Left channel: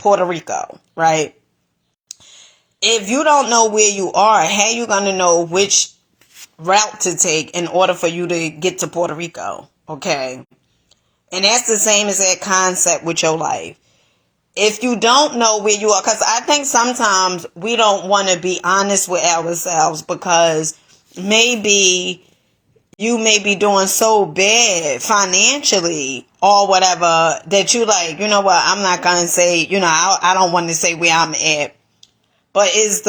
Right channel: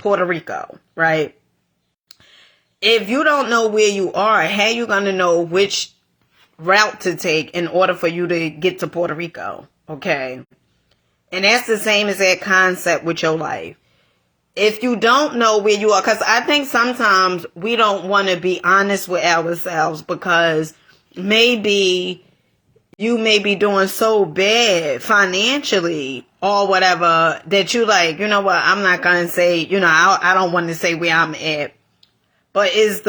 Puerto Rico, right? If you don't know where you are, how you going to know which route to take in order for you to get to Puerto Rico? Okay. And that's the same as that concept with your life. If you don't know where you are, because I think sometimes we don't want to be honest with ourselves, because maybe you may be doing so bad financially or whatever that you like, you know what, I'm not going to say, I don't want to say where I'm at. But is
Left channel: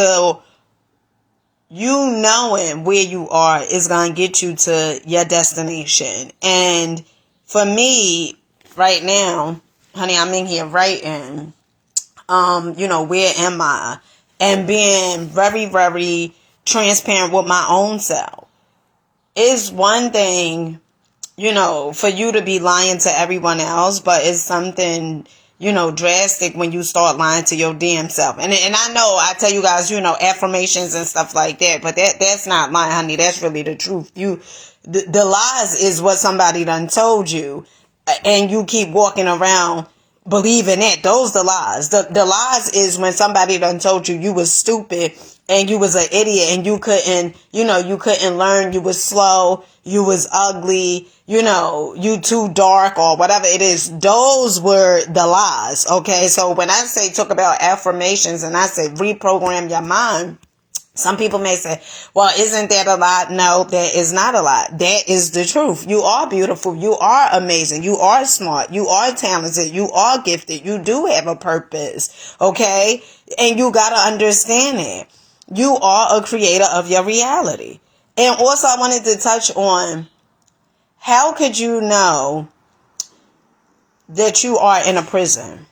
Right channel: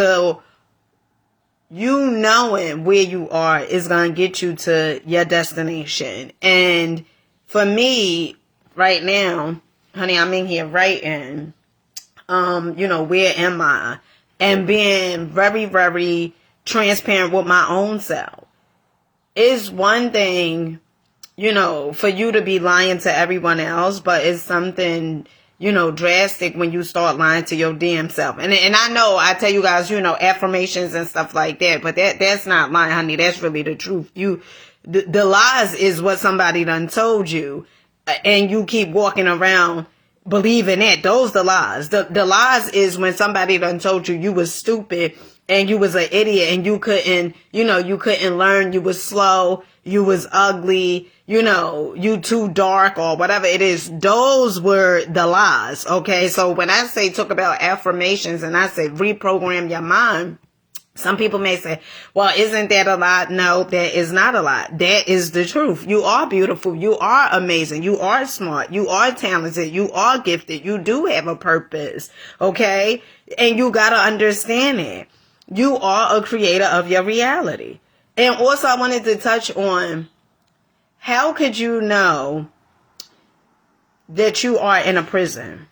you knowing where you are is going to get you to your destination. And for me, right now, honey, I'm in here writing, where am I? And being very, very transparent with my own self. It's one thing, for you to be lying to everyone else, but it's something, drastic when you start lying to your damn self. And I know I tell you guys, affirmations and stuff like that, but that's not lying, honey. That's really the truth. The lies is what somebody done told you, and you keep walking around believing that. Those the lies. The lies is when somebody done told you you was stupid and you was an idiot and you couldn't learn, you was slow, you was ugly, you too dark or whatever it is. Those were the lies. Okay. So when I say talk about affirmations and I say reprogram your mind, some people may say, well, isn't that a lie? No, that is not a lie. That is the truth. You are beautiful. You are amazing. You are smart. You are talented. You are gifted. You do have a purpose. Okay. And you got to understand it. You are a creator of your reality. And also I wanted to touch on, how could you know that you are in a prison?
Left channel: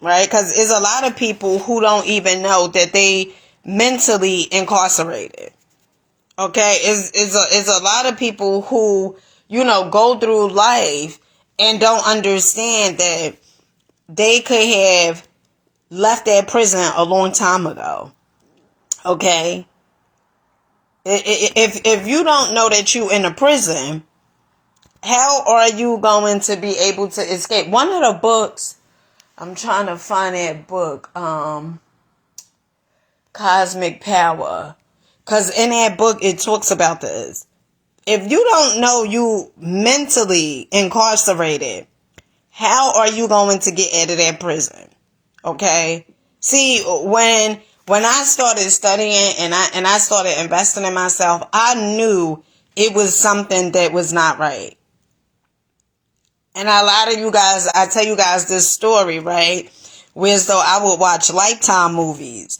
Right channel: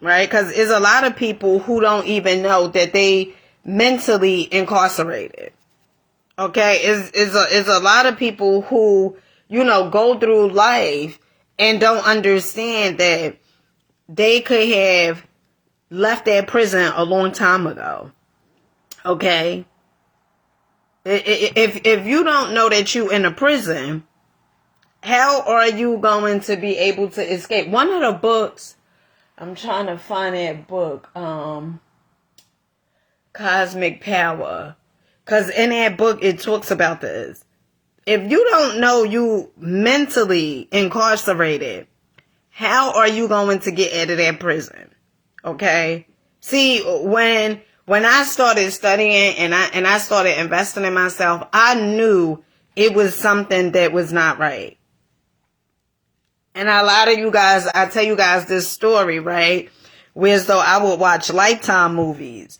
Right? Because there's a lot of people who don't even know that they mentally incarcerated. Okay, is a lot of people who go through life and don't understand that they could have left that prison a long time ago. Okay, if you don't know that you in a prison, how are you going to be able to escape? One of the books, I'm trying to find that book, Cosmic Power, because in that book it talks about this. If you don't know you mentally incarcerated, how are you going to get out of that prison? Okay. See, when I started studying and I started investing in myself, I knew it was something that was not right. And a lot of you guys, I tell you guys this story, right? Whereas though I would watch Lifetime movies.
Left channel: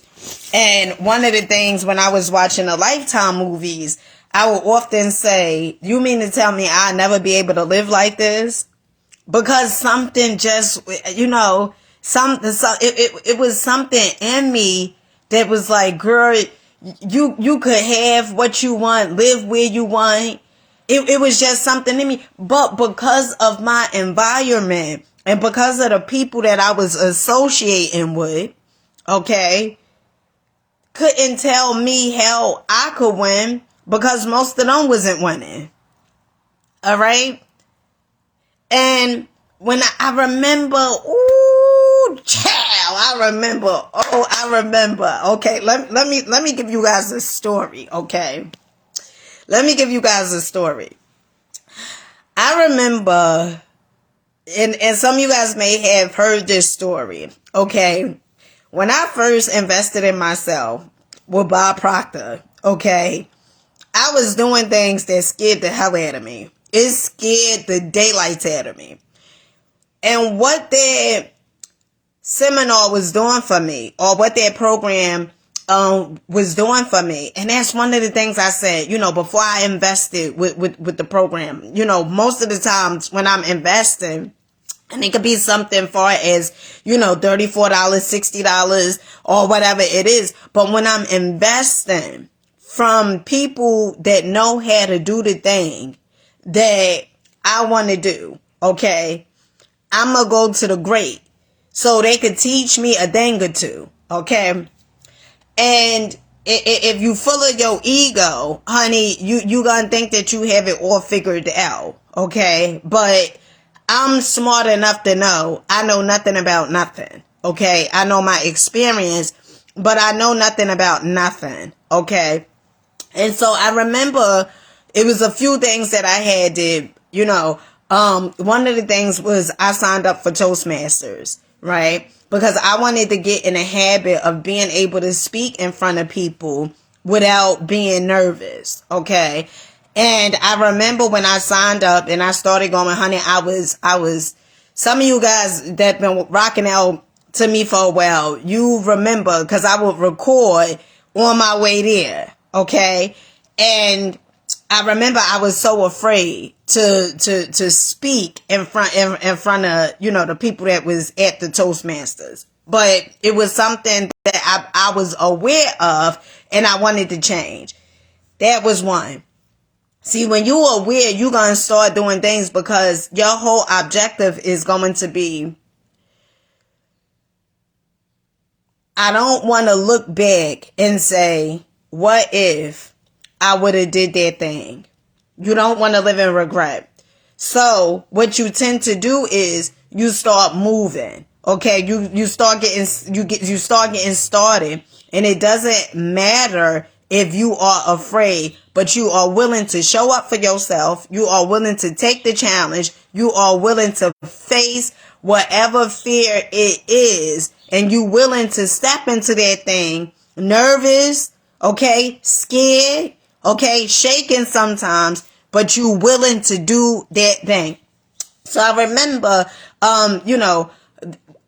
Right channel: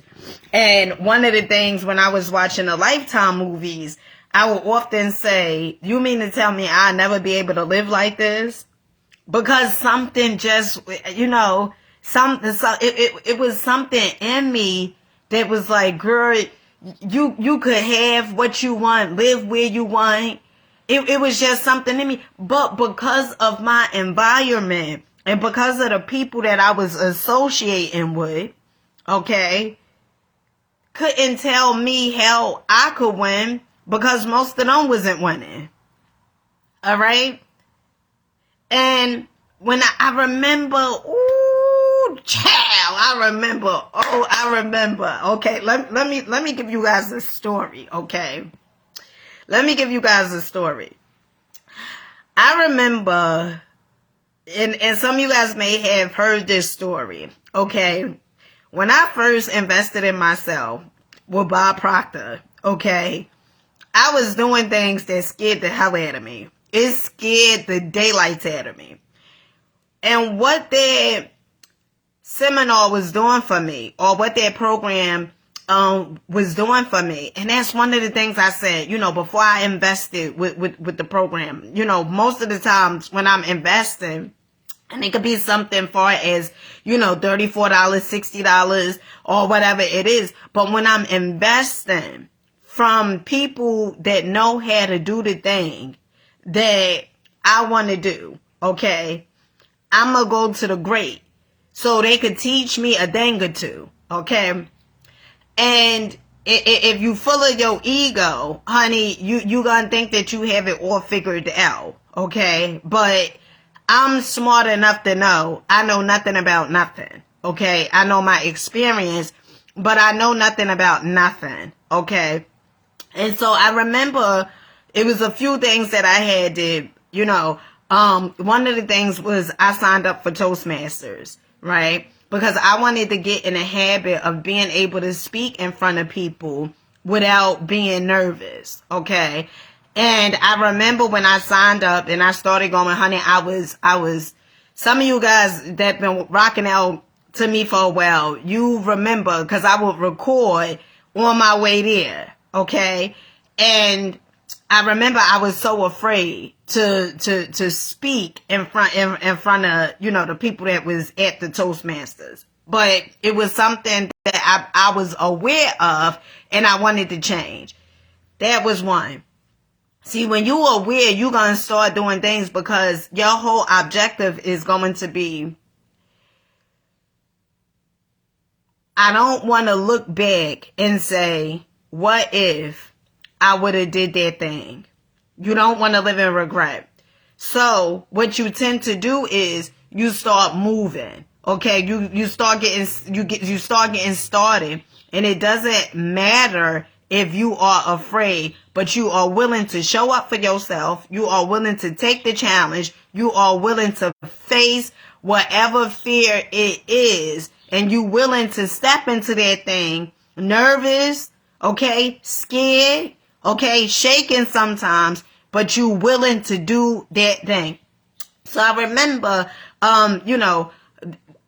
And one of the things when I was watching the Lifetime movies, I would often say, you mean to tell me I'll never be able to live like this? Because something just, it was something in me that was like, girl, you could have what you want, live where you want. It was just something in me. But because of my environment and because of the people that I was associating with, okay, couldn't tell me how I could win because most of them wasn't winning. All right. And when I remember, ooh, child, I remember. Okay. Let me give you guys a story. Okay. Let me give you guys a story. I remember, and some of you guys may have heard this story. Okay. When I first invested in myself with Bob Proctor, okay, I was doing things that scared the hell out of me. It scared the daylights out of me. And what that seminar was doing for me, or what that program was doing for me, and that's one of the things I said, before I invested with the program. Most of the times when I'm investing, and it could be something far as, $34, $60 or whatever it is. But when I'm investing from people that know how to do the thing that I want to do, okay, I'm going to go to the great so they could teach me a thing or two, okay? And if you full of your ego, honey, you going to think that you have it all figured out, okay? But I'm smart enough to know I know nothing about nothing. Okay. I know my experience, but I know nothing about nothing. Okay. And so I remember it was a few things that I had did, one of the things was I signed up for Toastmasters, right? Because I wanted to get in a habit of being able to speak in front of people without being nervous. Okay. And I remember when I signed up and I started going, honey, I was, some of you guys that been rocking out to me for a while, you remember, because I would record on my way there. Okay. And I remember I was so afraid to speak in front of, the people that was at the Toastmasters. But it was something that I was aware of and I wanted to change. That was one. See, when you're aware, you're going to start doing things because your whole objective is going to be, I don't want to look back and say, what if I would have did that thing? You don't want to live in regret. So what you tend to do is you start moving. Okay. You start getting started, and it doesn't matter if you are afraid, but you are willing to show up for yourself. You are willing to take the challenge. You are willing to face whatever fear it is, and you willing to step into that thing, nervous, okay, scared, okay, shaking sometimes, but you willing to do that thing. So I remember, I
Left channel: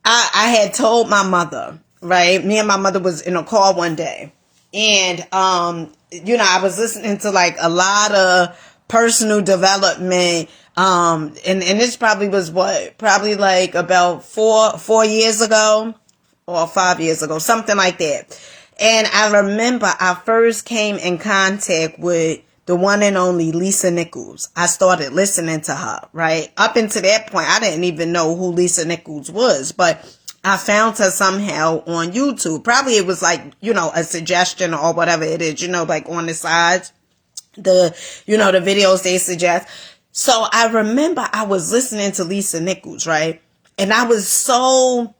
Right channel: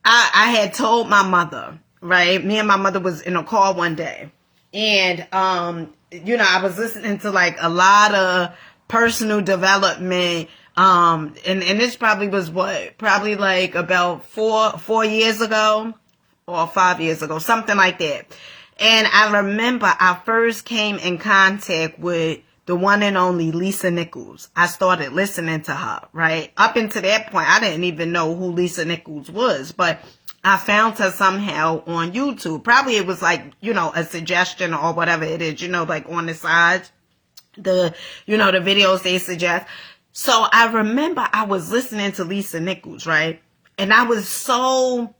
had told my mother, right? Me and my mother was in a car one day, and, I was listening to like a lot of personal development. And this probably was probably like about 4 years ago or 5 years ago, something like that. And I remember I first came in contact with the one and only Lisa Nichols. I started listening to her, right? Up until that point, I didn't even know who Lisa Nichols was, but I found her somehow on YouTube. Probably it was like, a suggestion or whatever it is, like on the sides, the videos they suggest. So I remember I was listening to Lisa Nichols, right? And I was so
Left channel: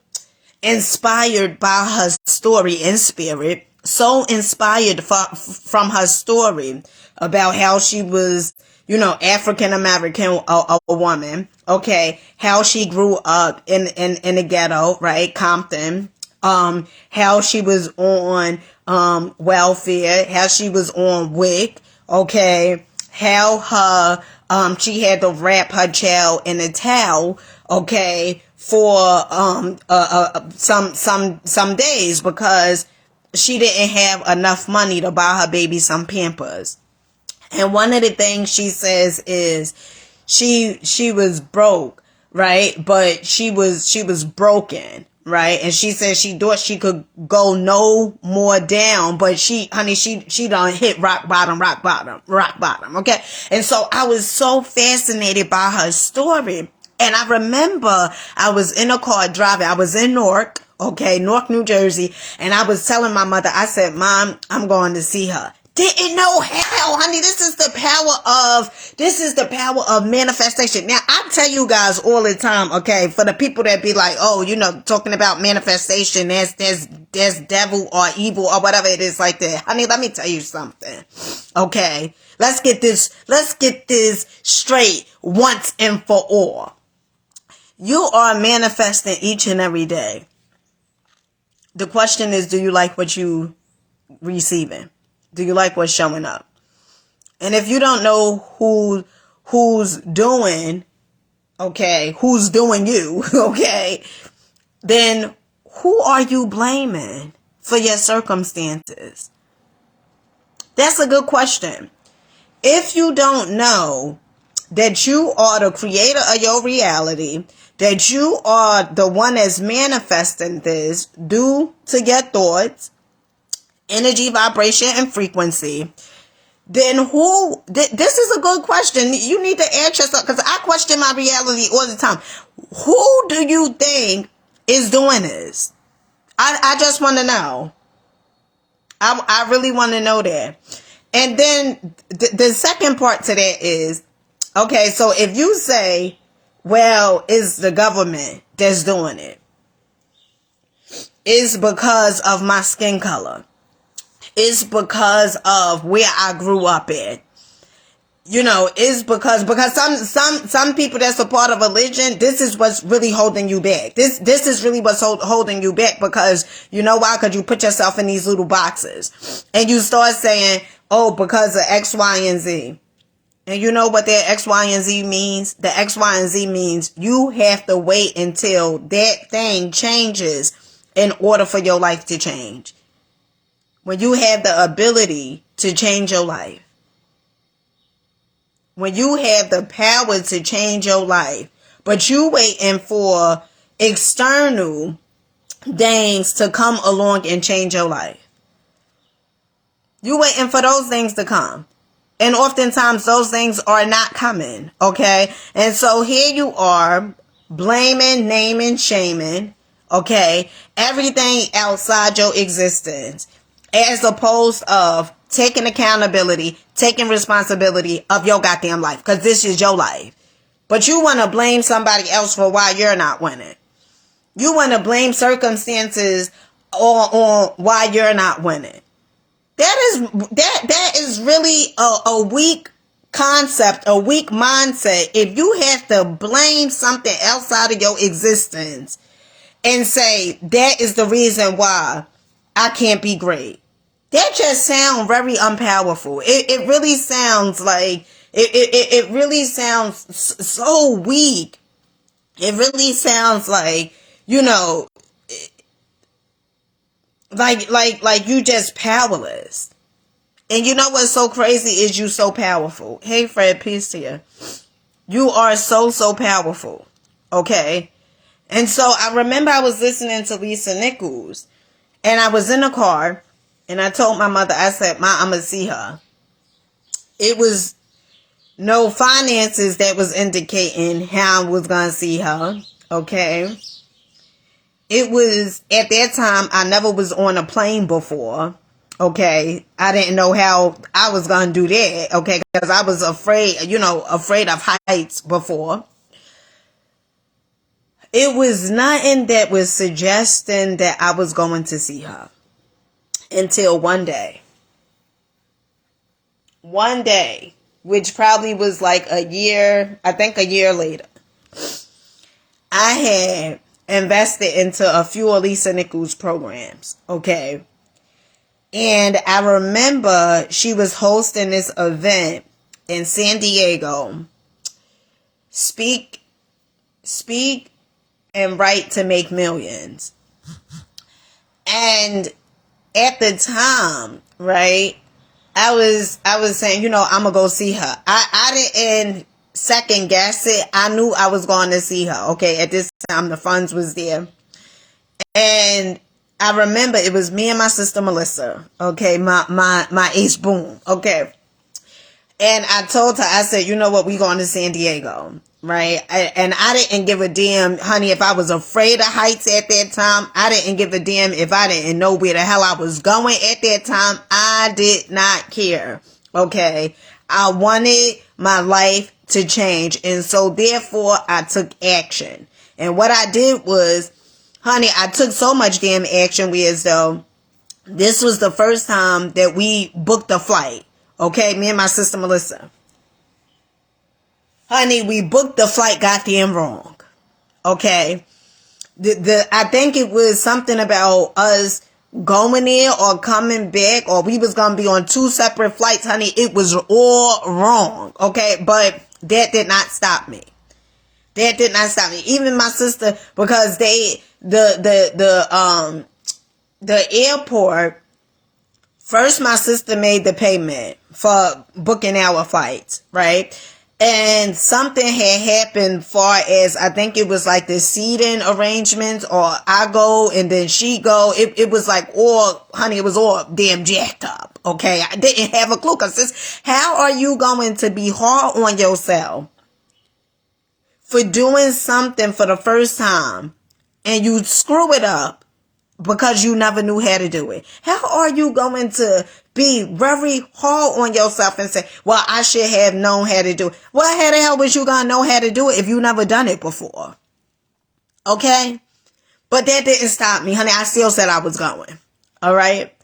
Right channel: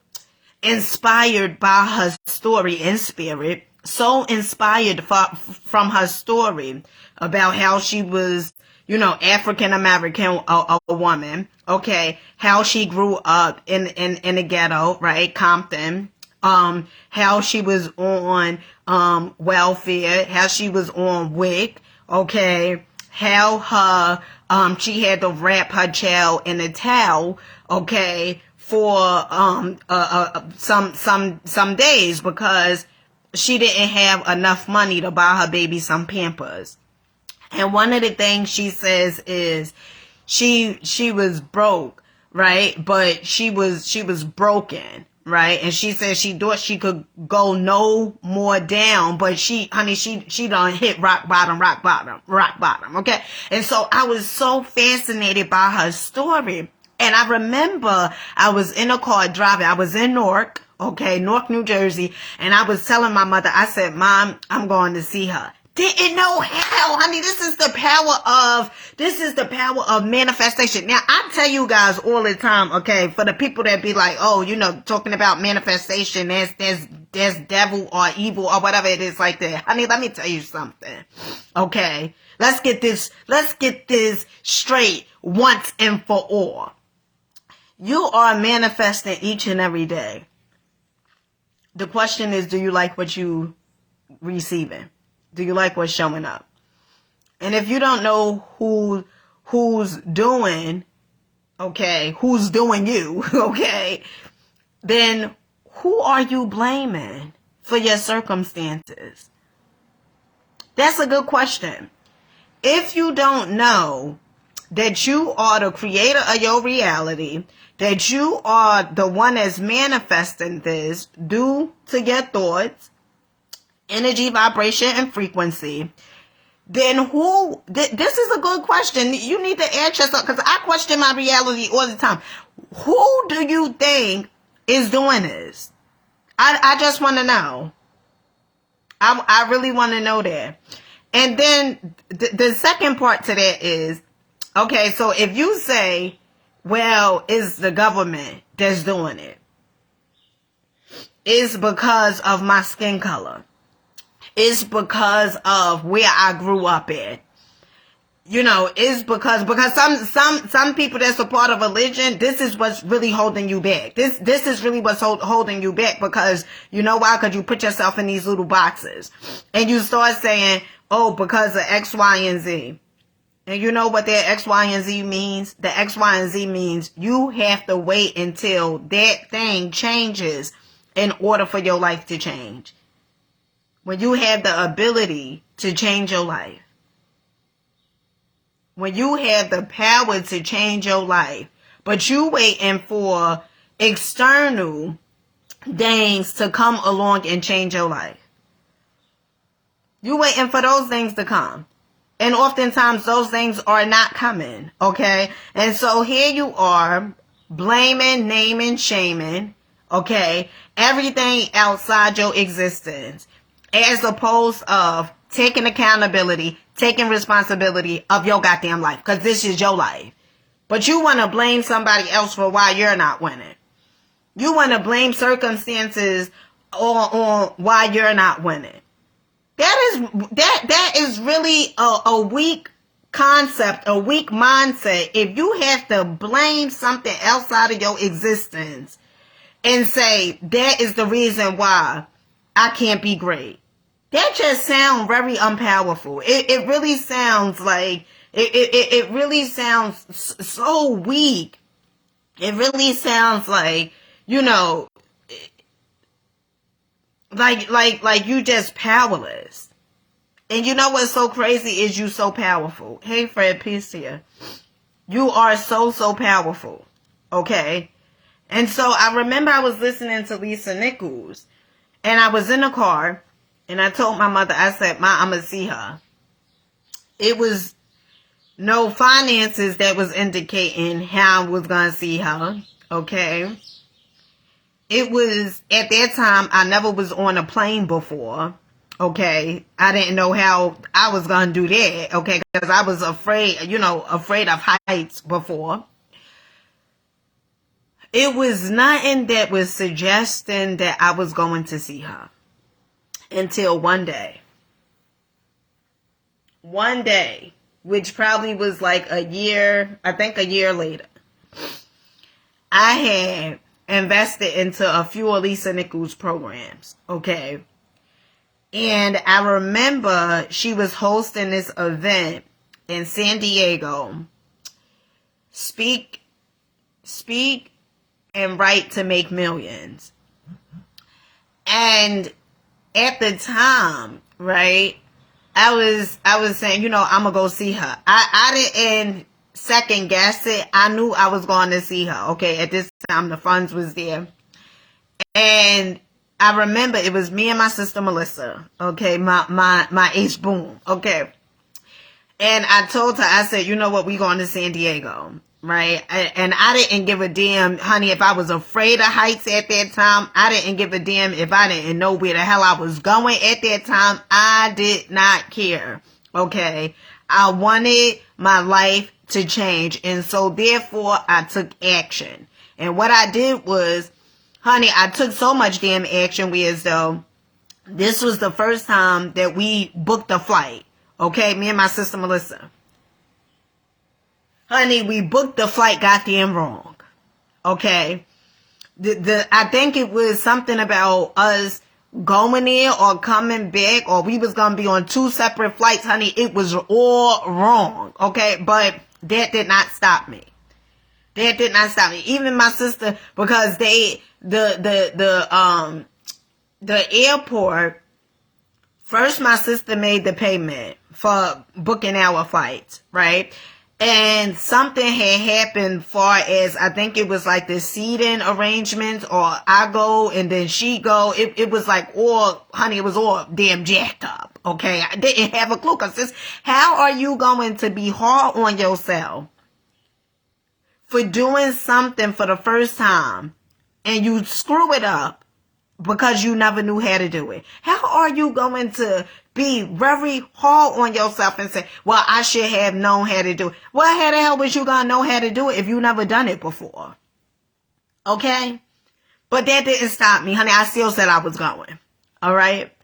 inspired by her story in spirit, so inspired from her story about how she was, African American, a woman, okay, how she grew up in the ghetto, right, Compton, how she was on welfare, how she was on WIC, okay, how her she had to wrap her child in a towel, okay, for some days because she didn't have enough money to buy her baby some Pampers. And one of the things she says is she was broke, right? But she was broken, right? And she said she thought she could go no more down, but she done hit rock bottom. Okay. And so I was so fascinated by her story. And I remember I was in a car driving. I was in Newark, New Jersey. And I was telling my mother, I said, Mom, I'm going to see her. Didn't know how, honey. This is the power of manifestation. Now, I tell you guys all the time, okay, for the people that be like, oh, talking about manifestation, there's devil or evil or whatever it is like that. Honey, let me tell you something. Okay. Let's get this straight once and for all. You are manifesting each and every day. The question is, do you like what you receiving? Do you like what's showing up? And if you don't know who's doing you, okay, then who are you blaming for your circumstances? That's a good question. If you don't know that you are the creator of your reality, that you are the one that's manifesting this due to your thoughts, energy, vibration, and frequency, then this is a good question. You need to ask yourself, because I question my reality all the time. Who do you think is doing this? I just want to know. I really want to know that. And then the second part to that is, okay, so if you say, well, it's the government that's doing it. It's because of my skin color. It's because of where I grew up at. You know, it's because some people that's a part of religion, this is what's really holding you back. This is really what's holding you back, because you know why? Because you put yourself in these little boxes and you start saying, oh, because of X, Y, and Z. And you know what that X, Y, and Z means? The X, Y, and Z means you have to wait until that thing changes in order for your life to change. When you have the ability to change your life. When you have the power to change your life, but you waiting for external things to come along and change your life. You waiting for those things to come. And oftentimes those things are not coming, okay? And so here you are, blaming, naming, shaming, okay? Everything outside your existence, as opposed of taking accountability, taking responsibility of your goddamn life, because this is your life. But you want to blame somebody else for why you're not winning. You want to blame circumstances on why you're not winning. That is really a weak concept, a weak mindset. If you have to blame something outside of your existence and say that is the reason why I can't be great. That just sounds very unpowerful. It really sounds like, it really sounds so weak. It really sounds like, you know, like you just powerless. And you know what's so crazy is you so powerful. Hey, Fred, peace to you. You are so powerful. Okay? And so I remember I was listening to Lisa Nichols. And I was in a car. And I told my mother, I said, Ma, I'm going to see her. It was no finances that was indicating how I was going to see her. Okay. It was, at that time, I never was on a plane before. Okay. I didn't know how I was going to do that. Okay. Because I was afraid of heights before. It was nothing that was suggesting that I was going to see her. Until one day, which probably was like a year later, I had invested into a few of Lisa Nichols programs. Okay. And I remember she was hosting this event in San Diego. Speak and write to make millions. And at the time, right, I was saying, I'm gonna go see her. I didn't second guess it. I knew I was going to see her. Okay, at this time the funds was there, and I remember it was me and my sister Melissa. Okay, my H boom. Okay, and I told her, I said, you know what, we going to San Diego. Right. And I didn't give a damn, honey, if I was afraid of heights at that time. I didn't give a damn if I didn't know where the hell I was going at that time. I did not care. Okay. I wanted my life to change. And so therefore I took action. And what I did was, honey, I took so much damn action, whereas though this was the first time that we booked a flight. Okay. Me and my sister Melissa. Honey, we booked the flight goddamn wrong. Okay. I think it was something about us going there or coming back, or we was going to be on two separate flights. Honey, it was all wrong. Okay. But that did not stop me. Even my sister, because the airport, first my sister made the payment for booking our flights, right? And something had happened far as, I think it was like the seating arrangements, or I go and then she go. It was like all, honey, it was all damn jacked up. Okay. I didn't have a clue, because how are you going to be hard on yourself for doing something for the first time and you screw it up because you never knew how to do it? How are you going to be very hard on yourself and say, well, I should have known how to do it? Well, how the hell was you going to know how to do it if you never done it before? Okay? But that didn't stop me, honey. I still said I was going. All right.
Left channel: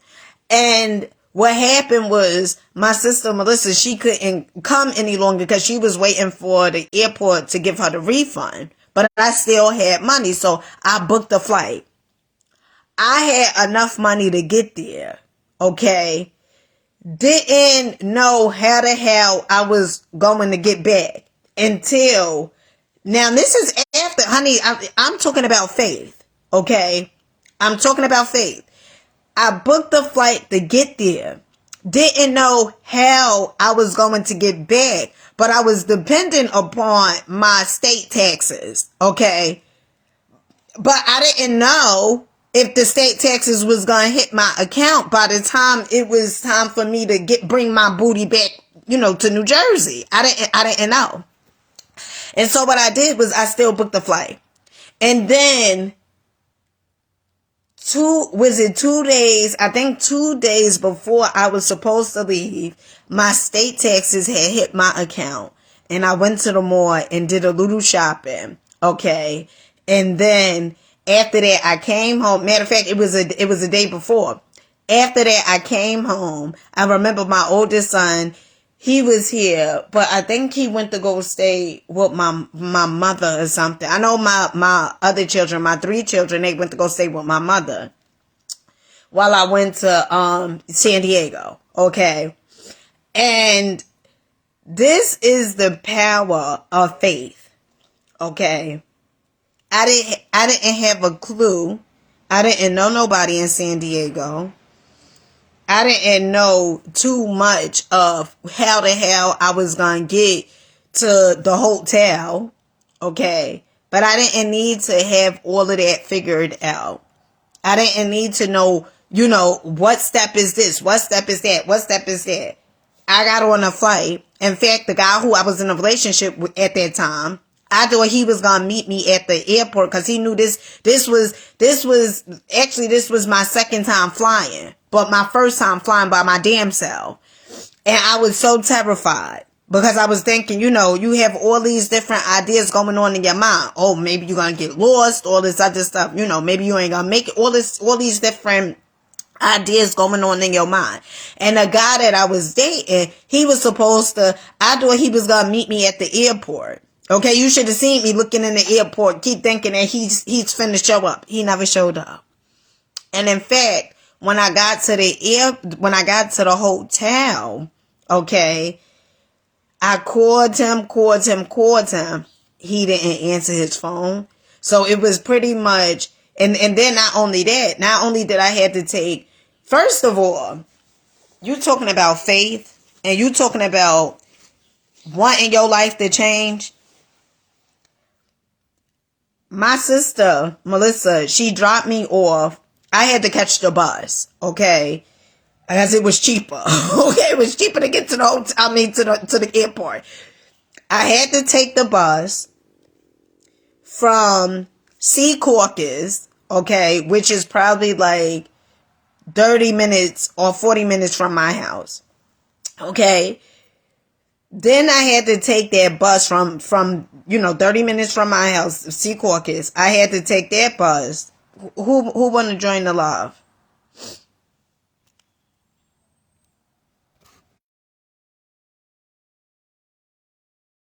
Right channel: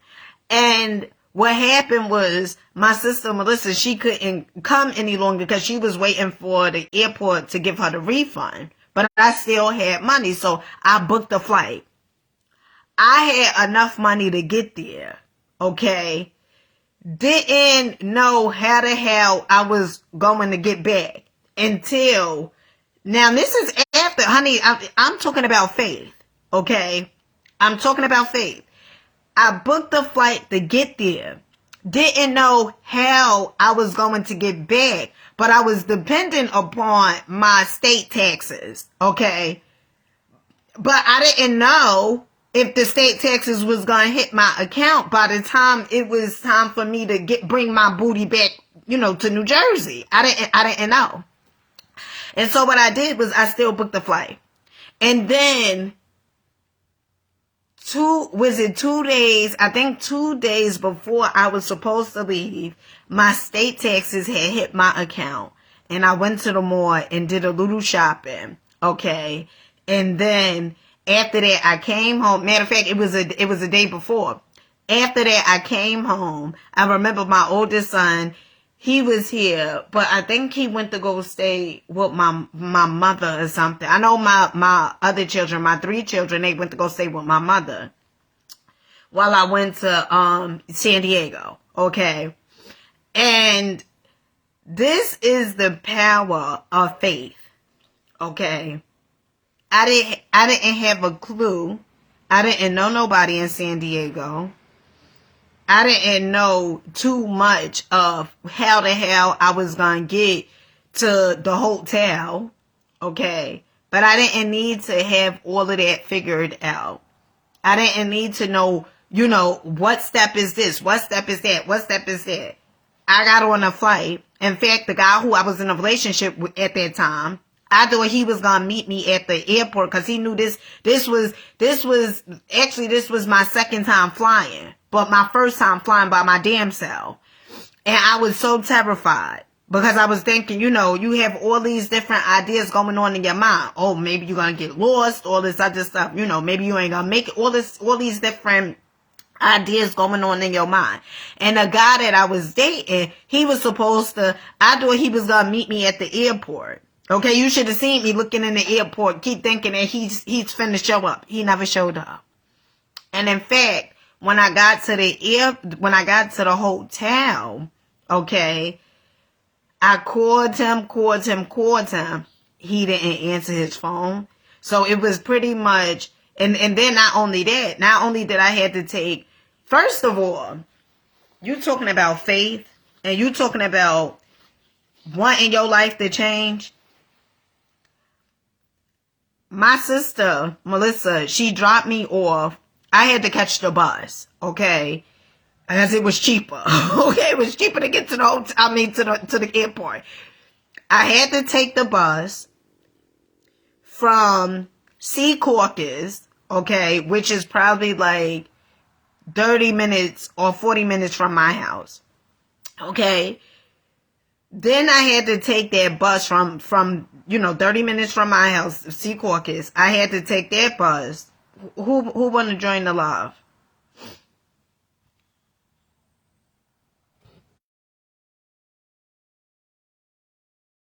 And what happened was my sister, Melissa, she couldn't come any longer because she was waiting for the airport to give her the refund. But I still had money, so I booked the flight. I had enough money to get there, okay? Didn't know how the hell I was going to get back until, now this is after, honey, I'm talking about faith, okay? I'm talking about faith. I booked the flight to get there. Didn't know how I was going to get back, but I was dependent upon my state taxes, okay? But I didn't know if the state taxes was going to hit my account by the time it was time for me to bring my booty back, to New Jersey. I didn't know. And so what I did was I still booked the flight. And then 2 days, I think 2 days before I was supposed to leave, my state taxes had hit my account. And I went to the mall and did a little shopping. Okay. And then after that, I came home. Matter of fact, it was a day before. After that, I came home. I remember my oldest son, he was here, but I think he went to go stay with my mother or something. I know my other children, my 3 children, they went to go stay with my mother while I went to San Diego. Okay. And this is the power of faith. Okay. I didn't have a clue. I didn't know nobody in San Diego. I didn't know too much of how the hell I was going to get to the hotel. Okay. But I didn't need to have all of that figured out. I didn't need to know, what step is this? What step is that? What step is that? I got on a flight. In fact, the guy who I was in a relationship with at that time, I thought he was going to meet me at the airport because he knew this was my second time flying, but my first time flying by my damn self. And I was so terrified because I was thinking, you have all these different ideas going on in your mind. Oh, maybe you're going to get lost, all this other stuff, maybe you ain't going to make it, all these different ideas going on in your mind. And the guy that I was dating, I thought he was going to meet me at the airport. Okay, you should have seen me looking in the airport, keep thinking that he's finna show up. He never showed up. And in fact, when I got to the hotel, okay, I called him. He didn't answer his phone. So it was pretty much, and then not only did I have to take, first of all, you talking about faith and you talking about wanting your life to change. My sister, Melissa, she dropped me off. I had to catch the bus, okay? As it was cheaper. Okay, it was cheaper to get to the hotel, to the airport. I had to take the bus from Secaucus, okay, which is probably like 30 minutes or 40 minutes from my house. Okay? Then I had to take that bus from 30 minutes from my house, Secaucus. I had to take that bus. Who want to join the live?